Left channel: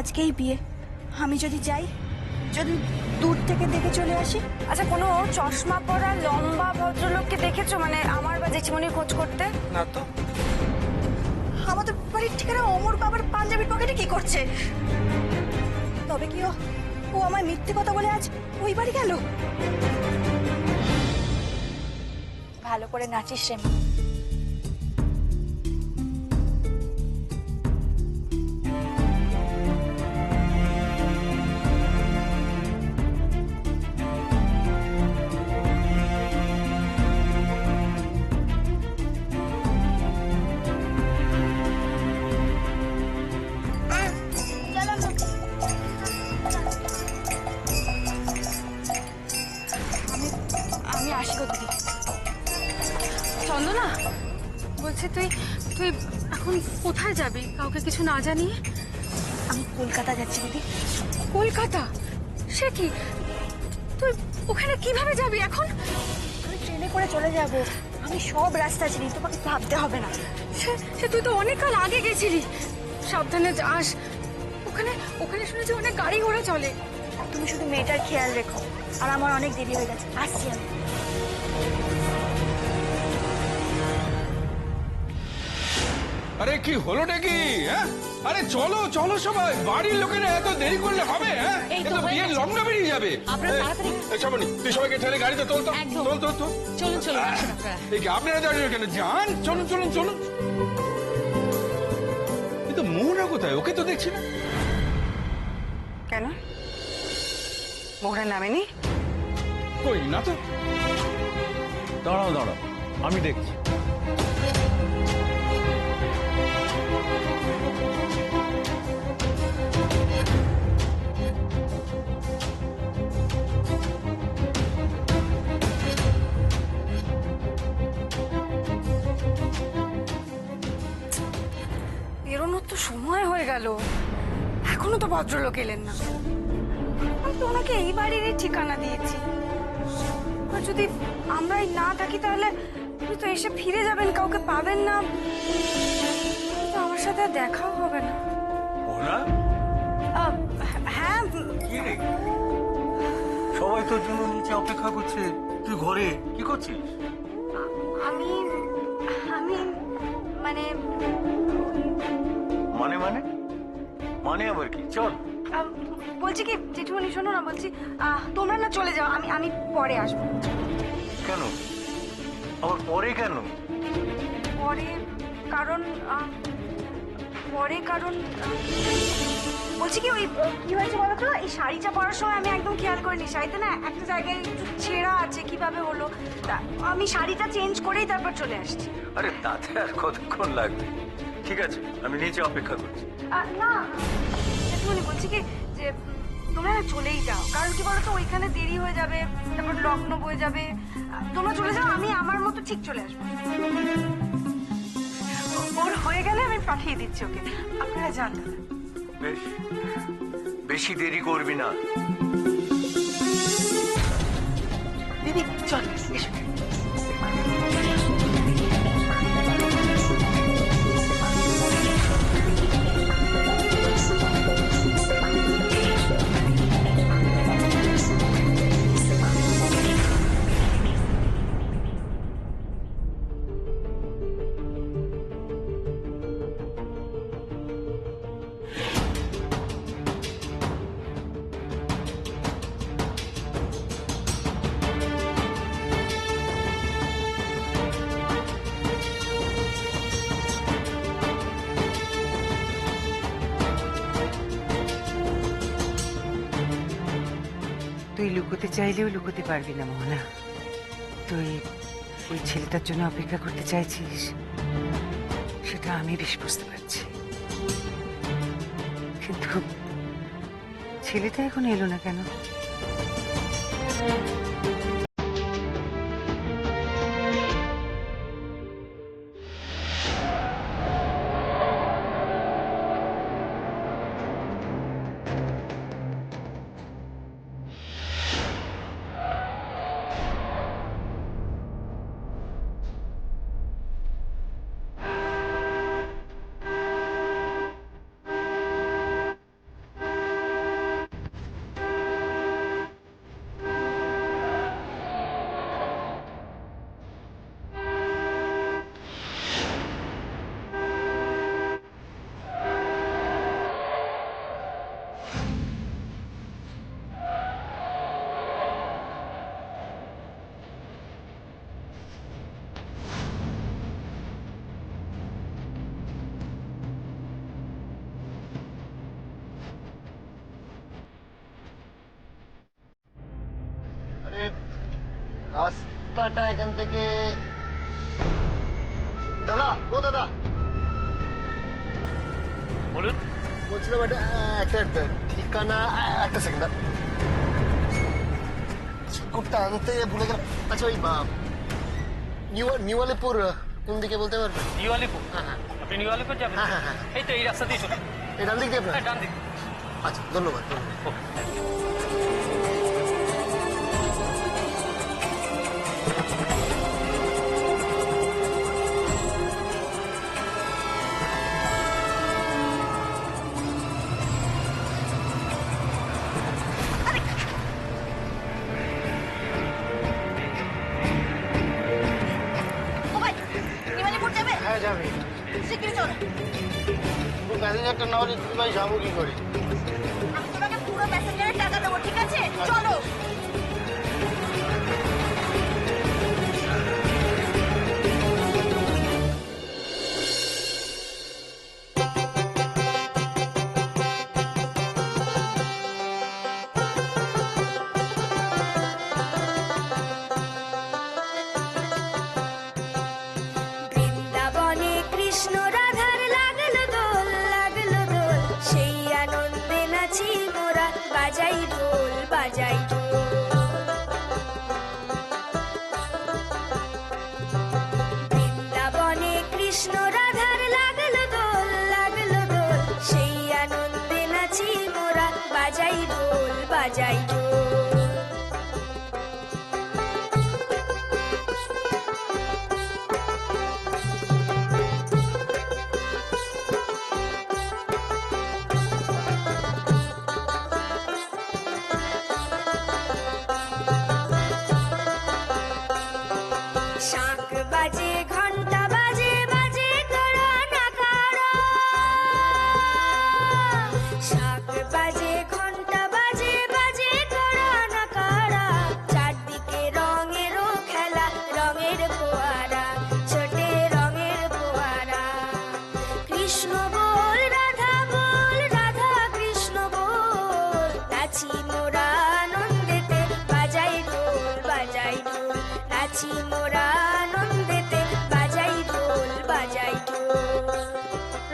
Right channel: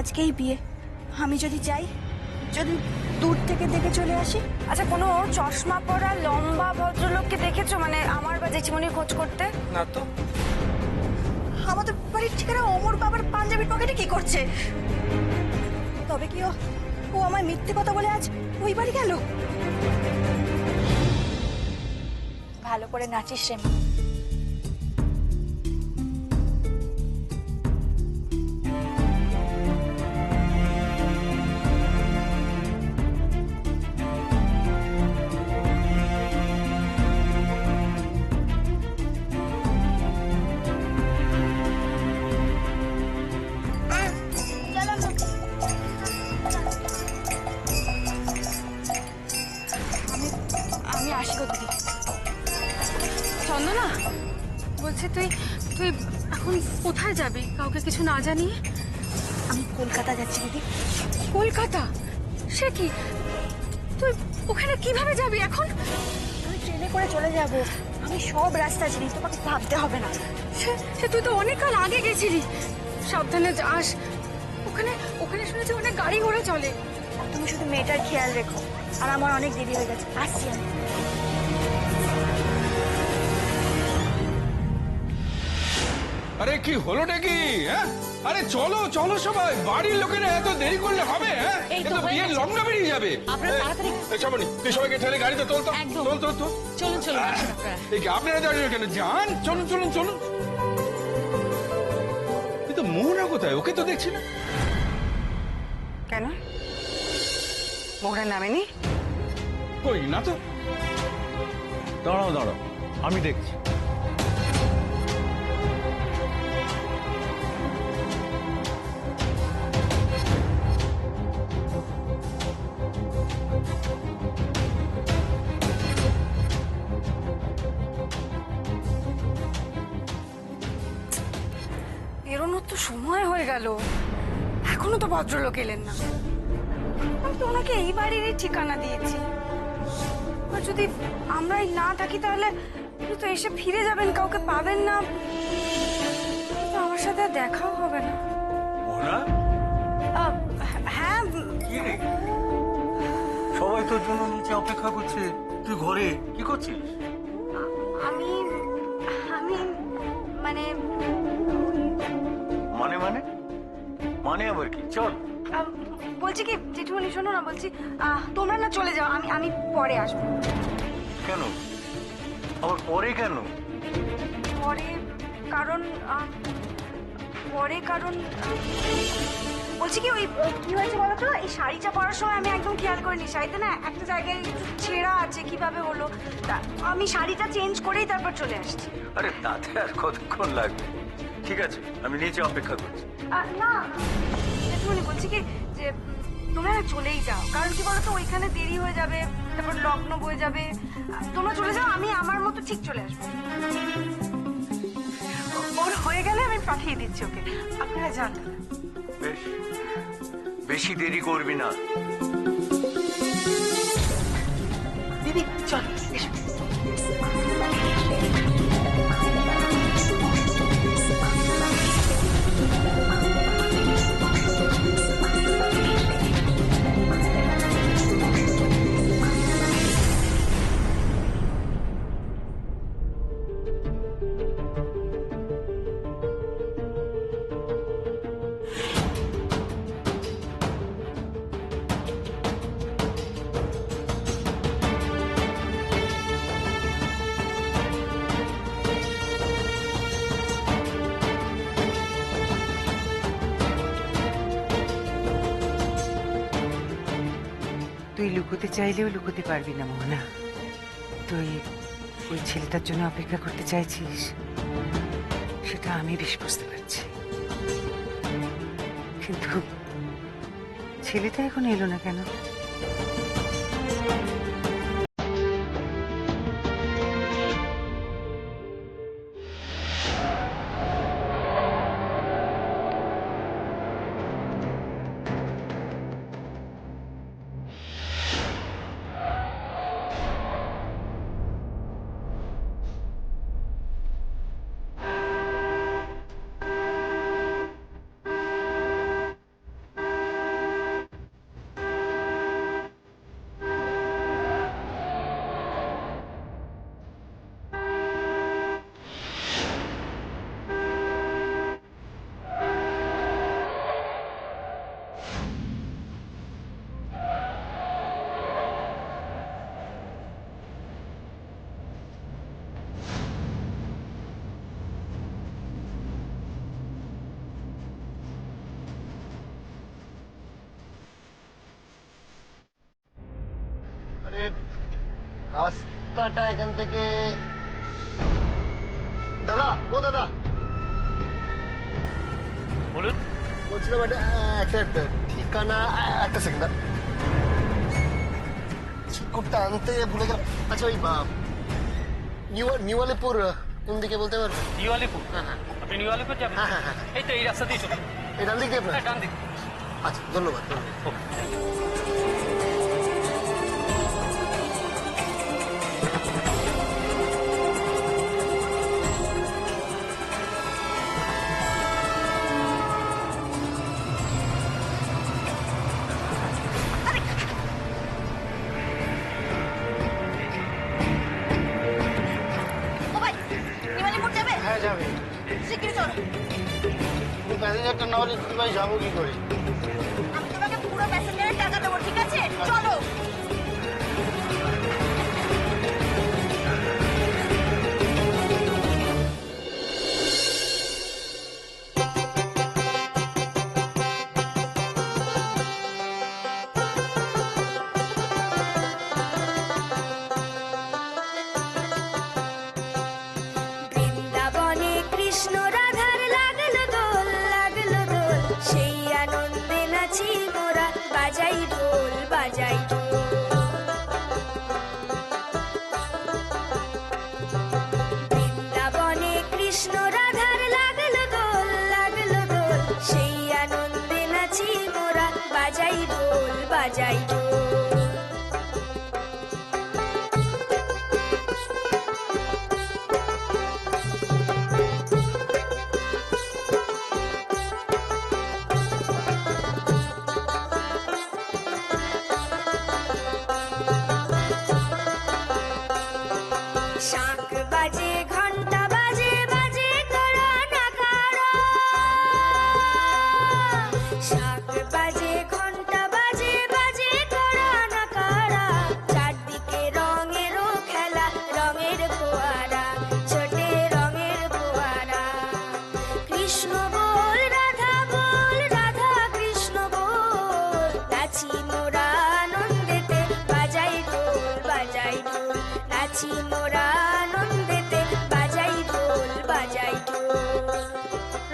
আজকেই বিয়ে, আমি যদি যাই, যদি দূর থেকে দেখে চলে আসি। আচ্ছা, কোনো চশমা পরা লম্বা ভদ্রলোককে দেখেছো, মানে আমার বা জেঠিমনির খোঁজ করতে? না তো। আমাদের বাড়ির ঠিকানা অমর বাবার পাঞ্জাবির পকেটে কি করছে? তবে কি ও আমায় মিথ্যে কথা বলে আজ ওই বাড়ি গেল? ভালো করে নাচিস রে মা। আমি আসি গো দিদি। চন্দনা, বলছি তুই তুই এখন কোথায় যাবি কাউকে কিছু না জানিয়ে? আমি কলকাতা যাচ্ছি দিদি। কলকাতা? সে কি, তুই ওখানে কিভাবে যাবি এখন? আমি ট্রেনে করে চলে যাব। আমি সব রাস্তা চিনি, তোমাকে ভাবতে হবে না। সে তুই তো অনেক কাল আগে গেছিলি। সাবধানে যাস। ওখানে ওখানে শুনেছি অনেক গাড়ি ঘোড়া চলে। আর তুমি শুধু মেয়েটার খেয়াল রেখো। আর আমার অনেক দেরি হয়ে গেছে, আসছি আমি। আরে কি হলোটা কি? হ্যাঁ, আরে চলো চলো সবাই, বাড়ির লোকেরা এত দেরি করলে হবে? হ্যাঁ, তো বিয়ের লগ্ন বেরিয়ে যাবে। শ্রাবণী, তুই সবাইকে ঠেলে গাড়িতে তোল তো, তোল তোল তোল। চলুন চলুন এই কি আপনারা দাঁড়িয়ে কেন? যান, চলুন চলুন চলুন। কিন্তু মোহনা কোথায়? ওকে তো দেখছি না। কেন মোহরা নামেনি? কই না তো। দাঁড়াও দাঁড়াও, আমি দেখছি। বেরোনোর তো সময় হয়ে গেল, এখনো তো ভদ্রলোক এলেন না। আমি তো ওনাকে এই বাড়িরই ঠিকানা দিয়েছি। আর যদি আমরাই না থাকি তাহলে উনি তো এসে ফিরে যাবেন, কাউকে পাবেন না, তো আমার সাথে আর দেখাও হবে না। মোহনা, হ্যাঁ, কি রে? সবাই তোর জন্য নিচে অপেক্ষা করছে, তুই ঘরে কি করছিস? আমি আমি মানে মানে মানে মানে আবার কি? চল। বলছি কি জেঠুমনি, শোনো না, বলছি তোমরা না চলে যাও, আমি আমি পরে আসবো। কেন আবার পরে কেন? পরে কারণ বলছি কি, ওই কি হয়েছে বলো তো, এই শাড়িটা পরার সময় আমি একদম খেয়াল করিনি, শাড়িতে না একটা জায়গায় একটু ছেঁড়া আছে, কিভাবে হলো, আমি শাড়িটা চেঞ্জ করেই তারপর চলে আসছি। আরে তাতে আর কতক্ষণ লাগবে? ঠিক আছে, আমি নিচে অপেক্ষা করছি। না জেঠুমনি, বলছি কি যে তোমরা না চলেই যাও, কারণ কি বলতো ওইখানে দেরি হয়ে যাবে, তারপর লগ্ন বয়ে যাবে। তোমরা চলে যাও, আমি আমার মতো ঠিক চলে আসবো। ওর হয়ে গেলে আমি পাঠিয়ে দিচ্ছি ওকে, আপনারা যান। বেশ, বেশি দেরি করবি না। দিদি চল, এসো। তুই লুকোতে চাইলেও লুকোতে পারবি না মোহনা। তুই ওই ছেলেটার জন্য অপেক্ষা করতে চাইছিস, সেটা আমি বেশ বুঝতে পারছি, কিন্তু ছেলেটা এখন এলো না কেন? রাস্তাটা এখান থেকে দাদা, ও দাদা, বলুন। বলছিলাম একটা ঠিকানা, একটা সেকেন্ড, কুকুরটা আনতে ভুলে গেলাম। আচ্ছা ওই নিউ আলিপুর কোন দিকে বলতে পারবেন? নিউ আলিপুর? হ্যাঁ। আপনি নিউ আলিপুর যাবেন? হ্যাঁ হ্যাঁ হ্যাঁ, এই তো এই রাস্তা দিয়ে চলুন। এই ডান দিক দিয়ে আপনার? হ্যাঁ, ডান দিক। আচ্ছা, ধন্যবাদ ধন্যবাদ। ওকে। ও ভাই, নিমালিপুর যাবে? হ্যাঁ যাবে। শিগগিরই চলো। পুরো প্যাসেঞ্জারটা না হলে দিদিভাই যাবো কি করে? আমি তোমাকে পুরো প্যাসেঞ্জারের টাকা দেবো, ঠিক আছে? চলো। বৃন্দাবনে কৃষ্ণ রাধার লাগলো দোল, লাগলো দোল, সেই আনন্দে নাচি মোরা, বাজাই ঢোল, বাজাই ঢোল। বৃন্দাবনে কৃষ্ণ রাধার লাগলো দোল, লাগলো দোল, সেই আনন্দে নাচি মোরা, বাজাই ঢোল, বাজাই ঢোল। শাঁখ বাজে, ঘন্টা বাজে, বাজে কড়া নাগাড়া। শাঁখ বাজে, ঘন্টা বাজে, বাজে কড়া নাগাড়া। চারদিকে রঙেরও খেলা, রঙের ফোয়ারা, ছোটে রঙের ফোয়ারা। কৃষ্ণ বল, রাধা বল, রাধা কৃষ্ণ বল, নাচি মোরা আনন্দেতে, বাজাই ঢোল, বাজাই ঢোল, নাচি মোরা আনন্দেতে, বাজাই ঢোল, বাজাই ঢোল।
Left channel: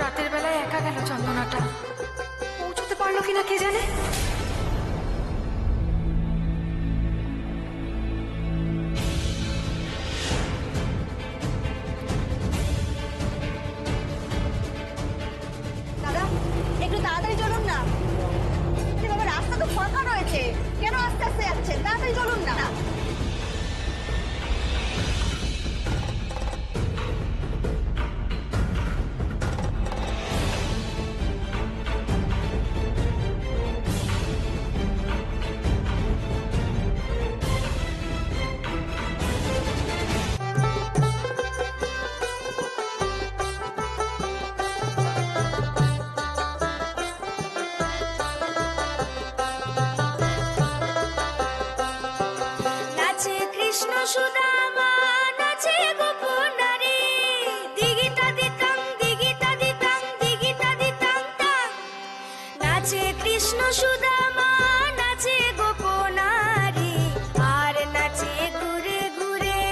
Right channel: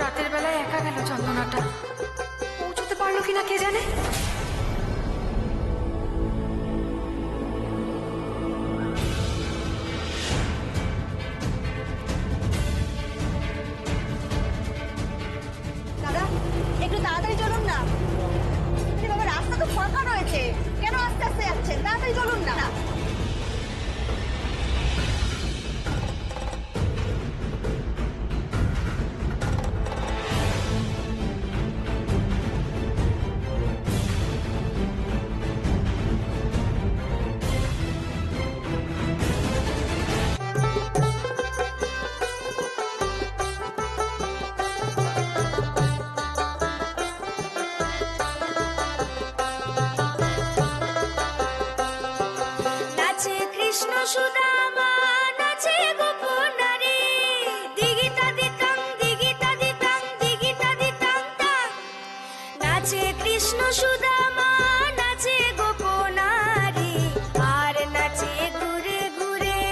রাতের বেলায় একা গেল চন্দনাটা, পৌঁছতে পারলো কিনা কে জানে। দাদা, একটু তাড়াতাড়ি চলুন না। আরে বাবা, রাস্তা তো ফাঁকা রয়েছে, কেন আস্তে আস্তে যাচ্ছেন? তাড়াতাড়ি চলুন না। নাচে কৃষ্ণ সুদামা, নাচে গোপনারী, দিগিতা দিতাং, দিগিতা দিতাং, দিগিতা দিতাং তাং। নাচে কৃষ্ণ সুদামা, নাচে গোপনারী, আর নাচে ঘুরে ঘুরে,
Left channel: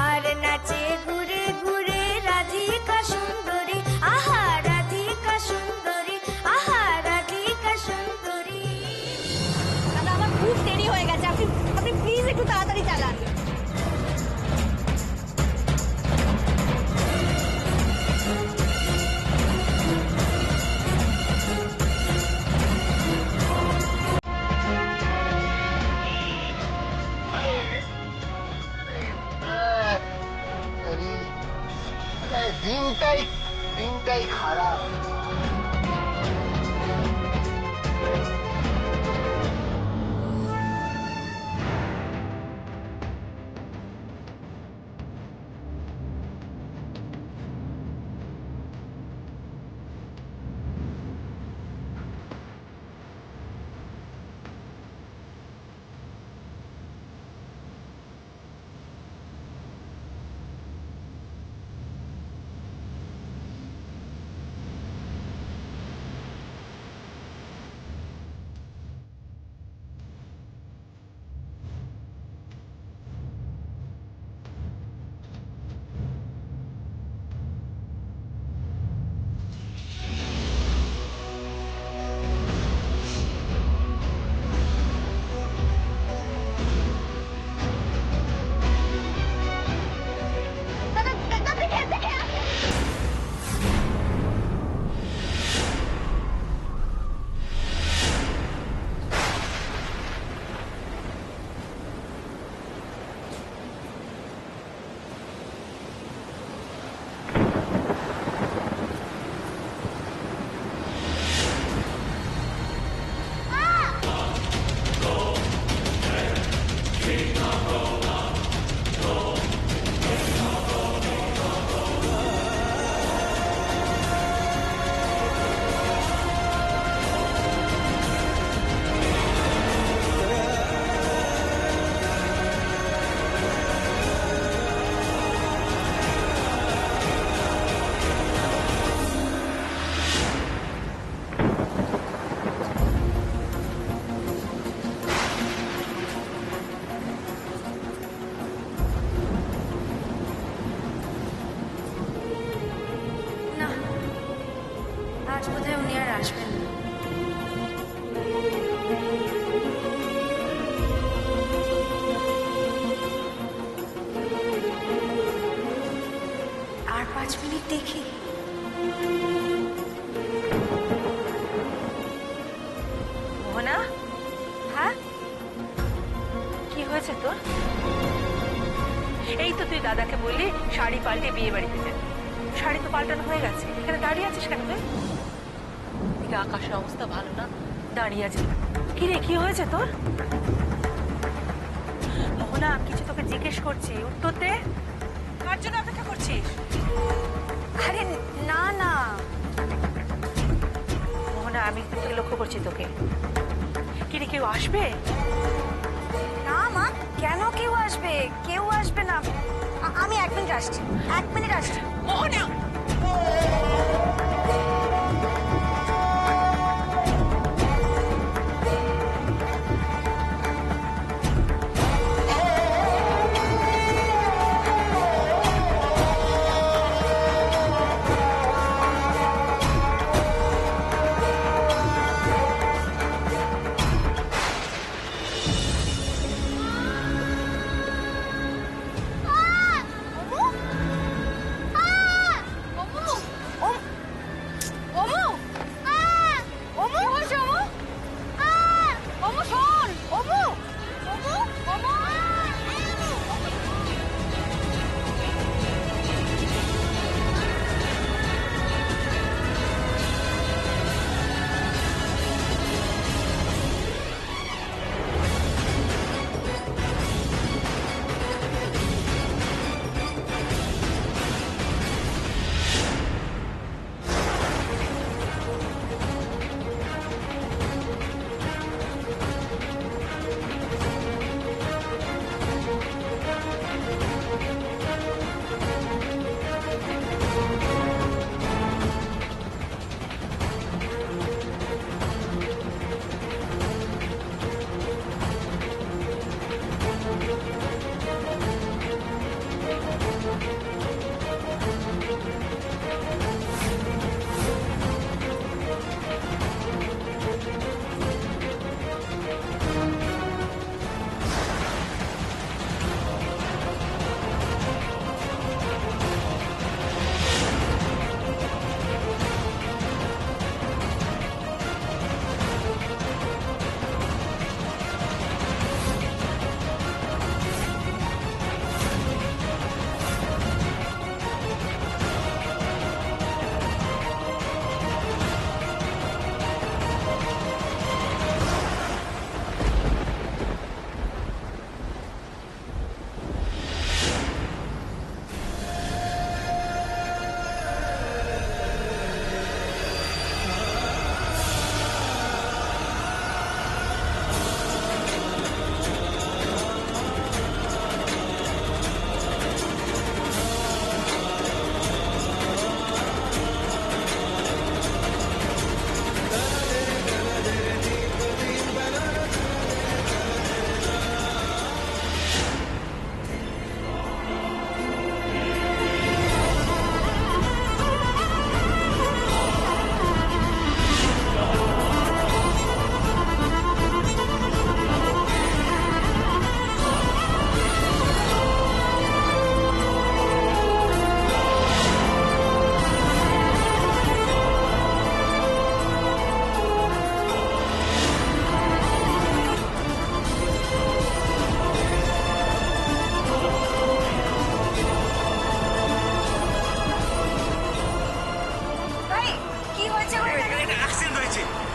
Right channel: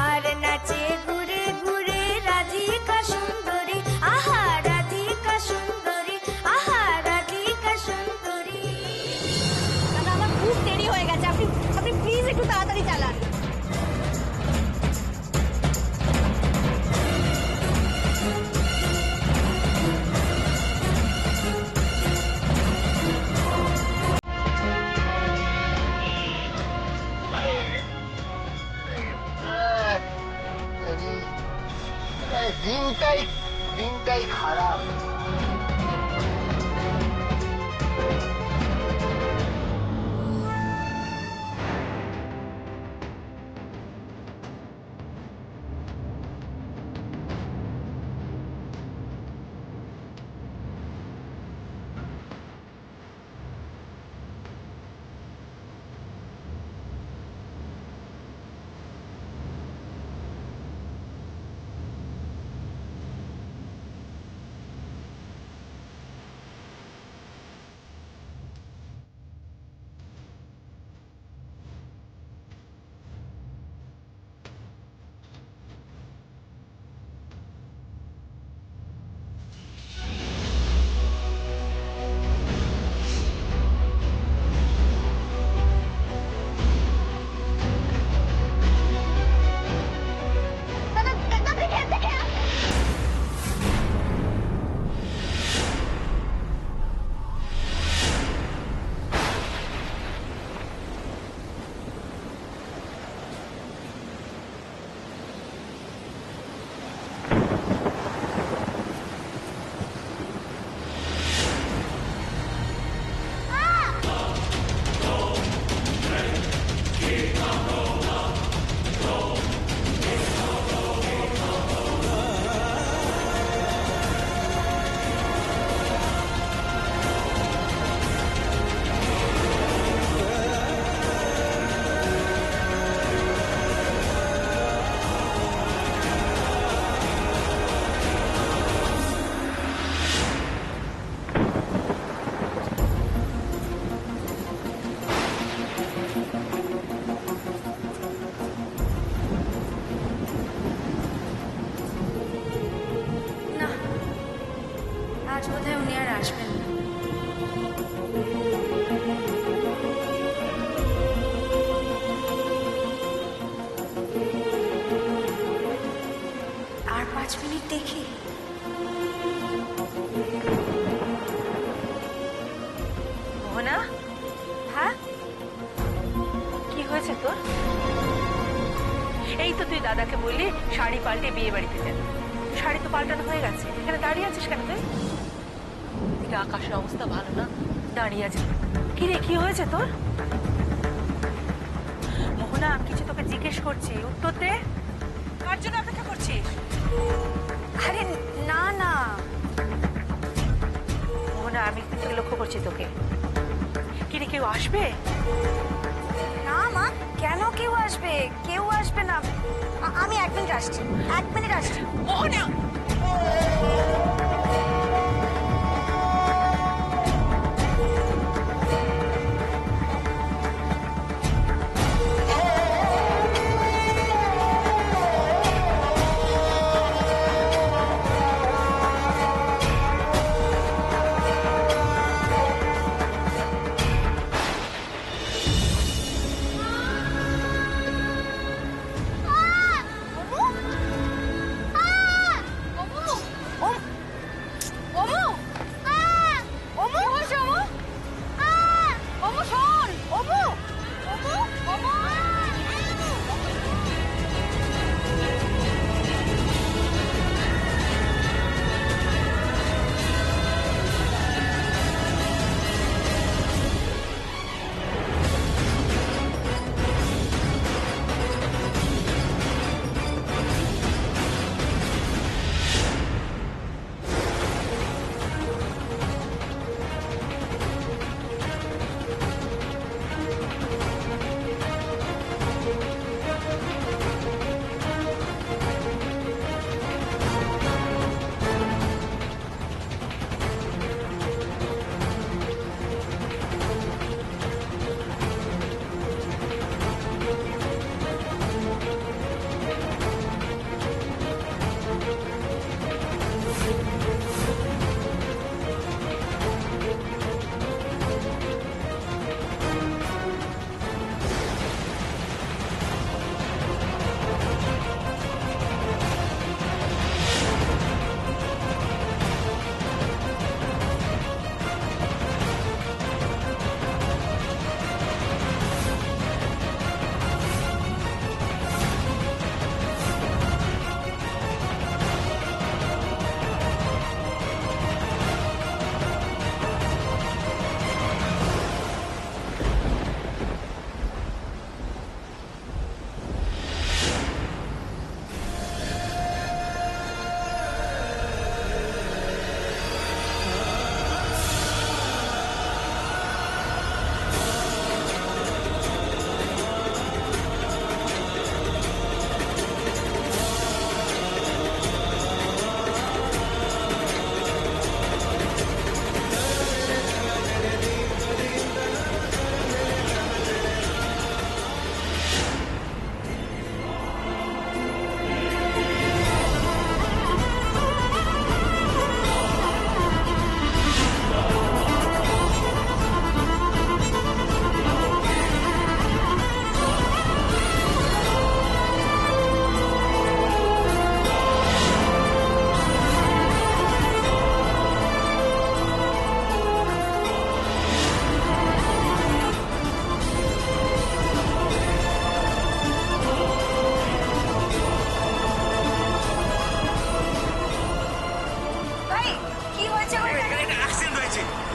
আর নাচে ঘুরে ঘুরে রাধিকা সুন্দরী, আহা রাধিকা সুন্দরী, আহা রাধিকা সুন্দরী। দাদা, আমার খুব দেরি হয়ে গেছে, আপনি আপনি প্লিজ একটু তাড়াতাড়ি চালান। দিনটাই খারাপ। বোধহয় উনি আর আসবেন না। আর 5 মিনিট দেখি। মোহনা, হ্যাঁ, কি হয়েছে তোর? এই তো তুই দাদাকে বললি শাড়ি পাল্টে বিয়ে বাড়িতে যাবি। শাড়ি তো পাল্টানো হয়ে গেছে, এখানে দাঁড়িয়ে আছিস কেন তুই? এদিকে আকাশের অবস্থা ভালো না, দাঁড়িয়ে আছিস। কি রে, কি হয়েছে তোর? মোহনা, আমি কিছু তোকে জিজ্ঞেস করছি, উত্তর দে। কার জন্য অপেক্ষা করছিস? আরে না না, মোহনা, আমি কিন্তু লক্ষ্য করছি তোকে। কি রে, কেউ আসবে? না মা, কেন কেউ আসবে? কেউ আসবে না। আমি 1 মিনিট আসছি, 1 মিনিট আসছি। মোহনা,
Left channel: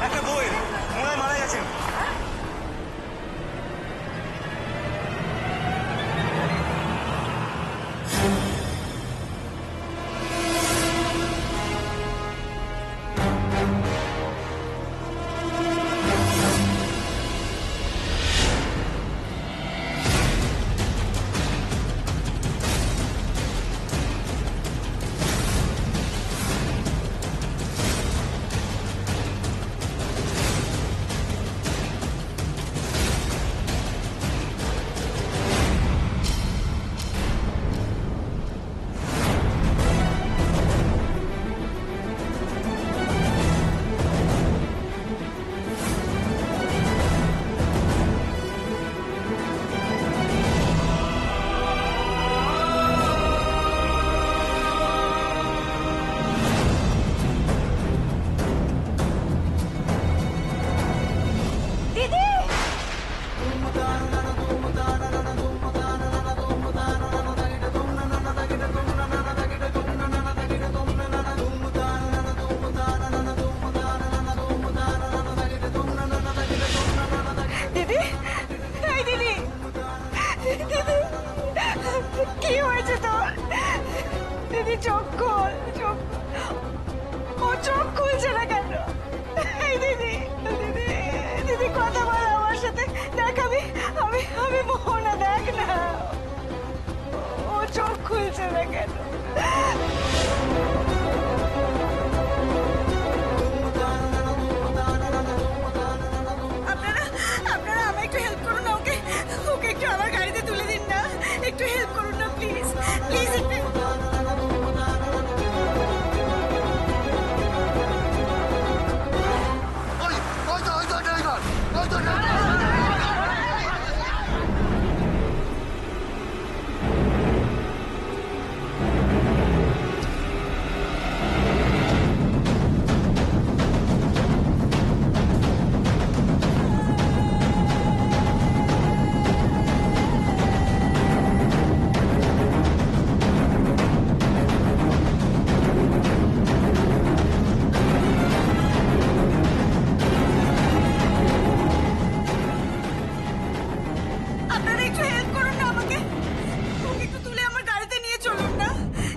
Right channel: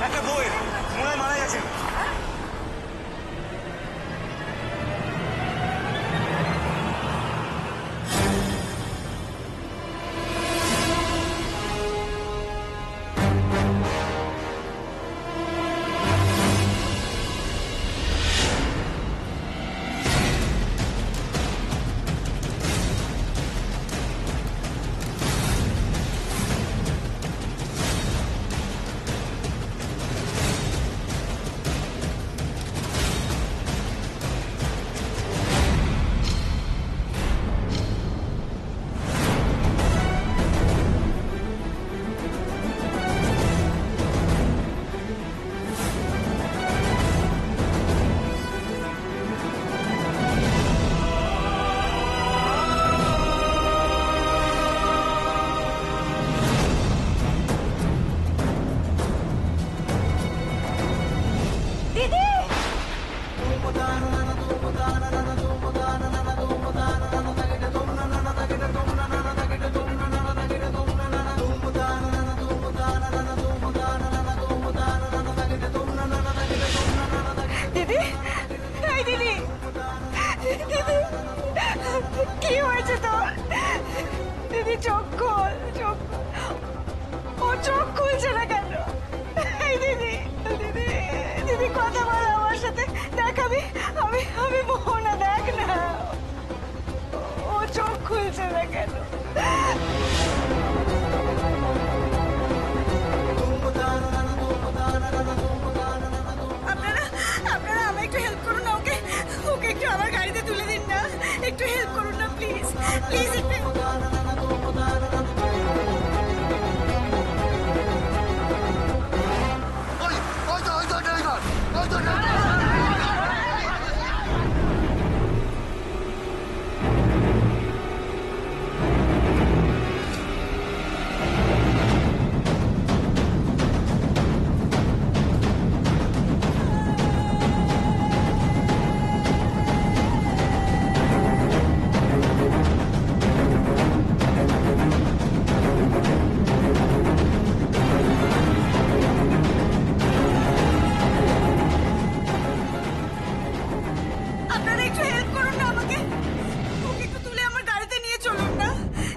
একটা বই মনে হয় মারা গেছেন। দিদি চোখ খোল, চোখ খোল। ও চোখ খুলছে না কেন? এই দিদি, দিদি, দিদি কথা বল আমার সাথে। দেখ আমি মোহনা, দেখ না ও চোখ খুলছে না কেন? আপনারা আমায় একটু হেল্প করুন না, ওকে ওকে একটু আমার গাড়িতে তুলে দিন না, একটু হেল্প করুন না প্লিজ, প্লিজ একটু। আপনারা একটু হেল্প করুন না আমাকে, ওকে একটু তুলে আমার গাড়িতে নিয়ে চলুন না,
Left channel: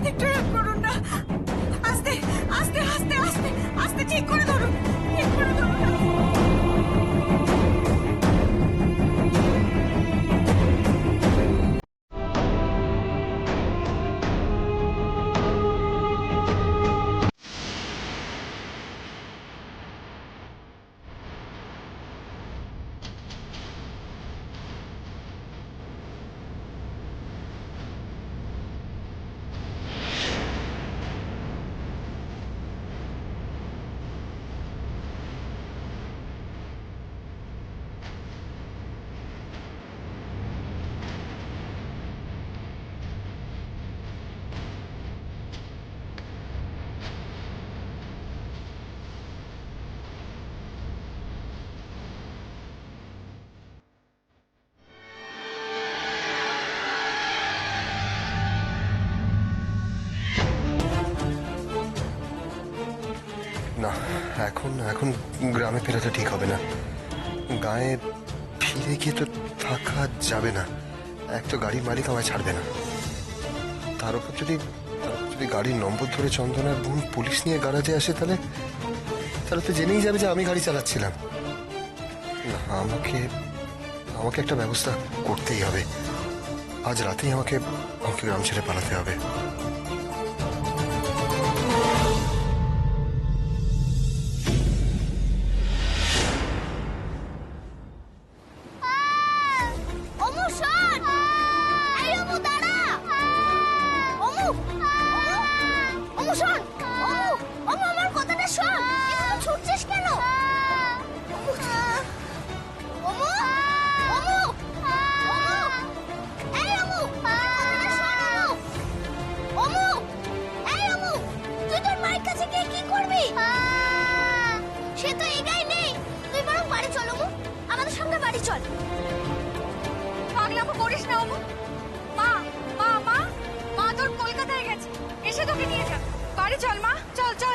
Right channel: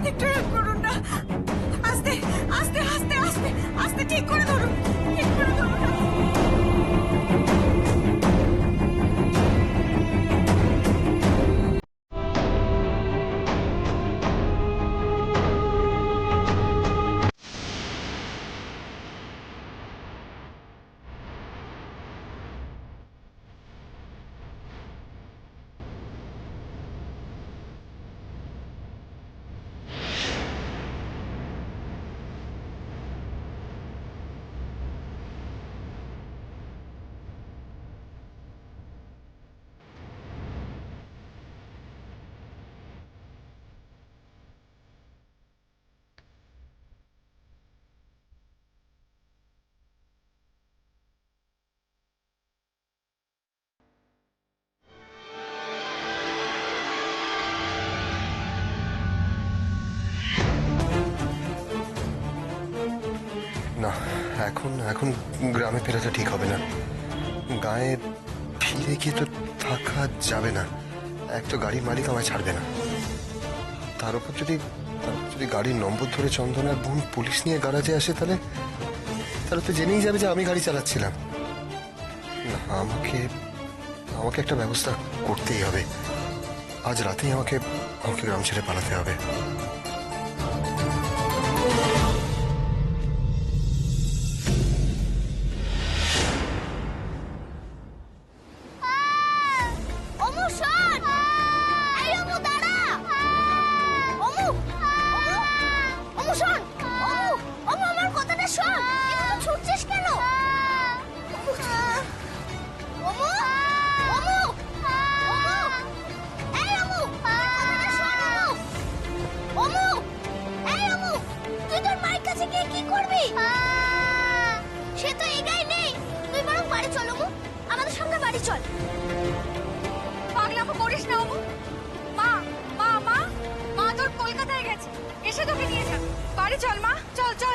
একটু হেল্প করুন না। আস্তে আস্তে আস্তে আস্তে আস্তে ঠিক করে ধরুন, ঠিক করে ধরুন। না, এখন এখন গ্রামে ফেরাটা ঠিক হবে না। গায়ে ফিরে গিয়ে তো থাকা যাবে না। এক তো গাড়ির মালিক আমায় ছাড়বে না, তার উপর যদি গাড়ির নম্বর ধরে চন্দনার বোন পুলিশ নিয়ে গ্যারাজে আসে, তাহলে তো জেনেই যাবে যে আমি গাড়ি চালাচ্ছিলাম। না, আমাকে একটা ব্যবস্থা করতেই হবে। আজ রাতেই আমাকে গ্রাম ছেড়ে পালাতে হবে। পাগলামো করিস না অমু। মা মা মা মা তোর কলকাতায় গেছে, এসে তোকে নিয়ে যাবে। বাড়ি চল মা, চল চল।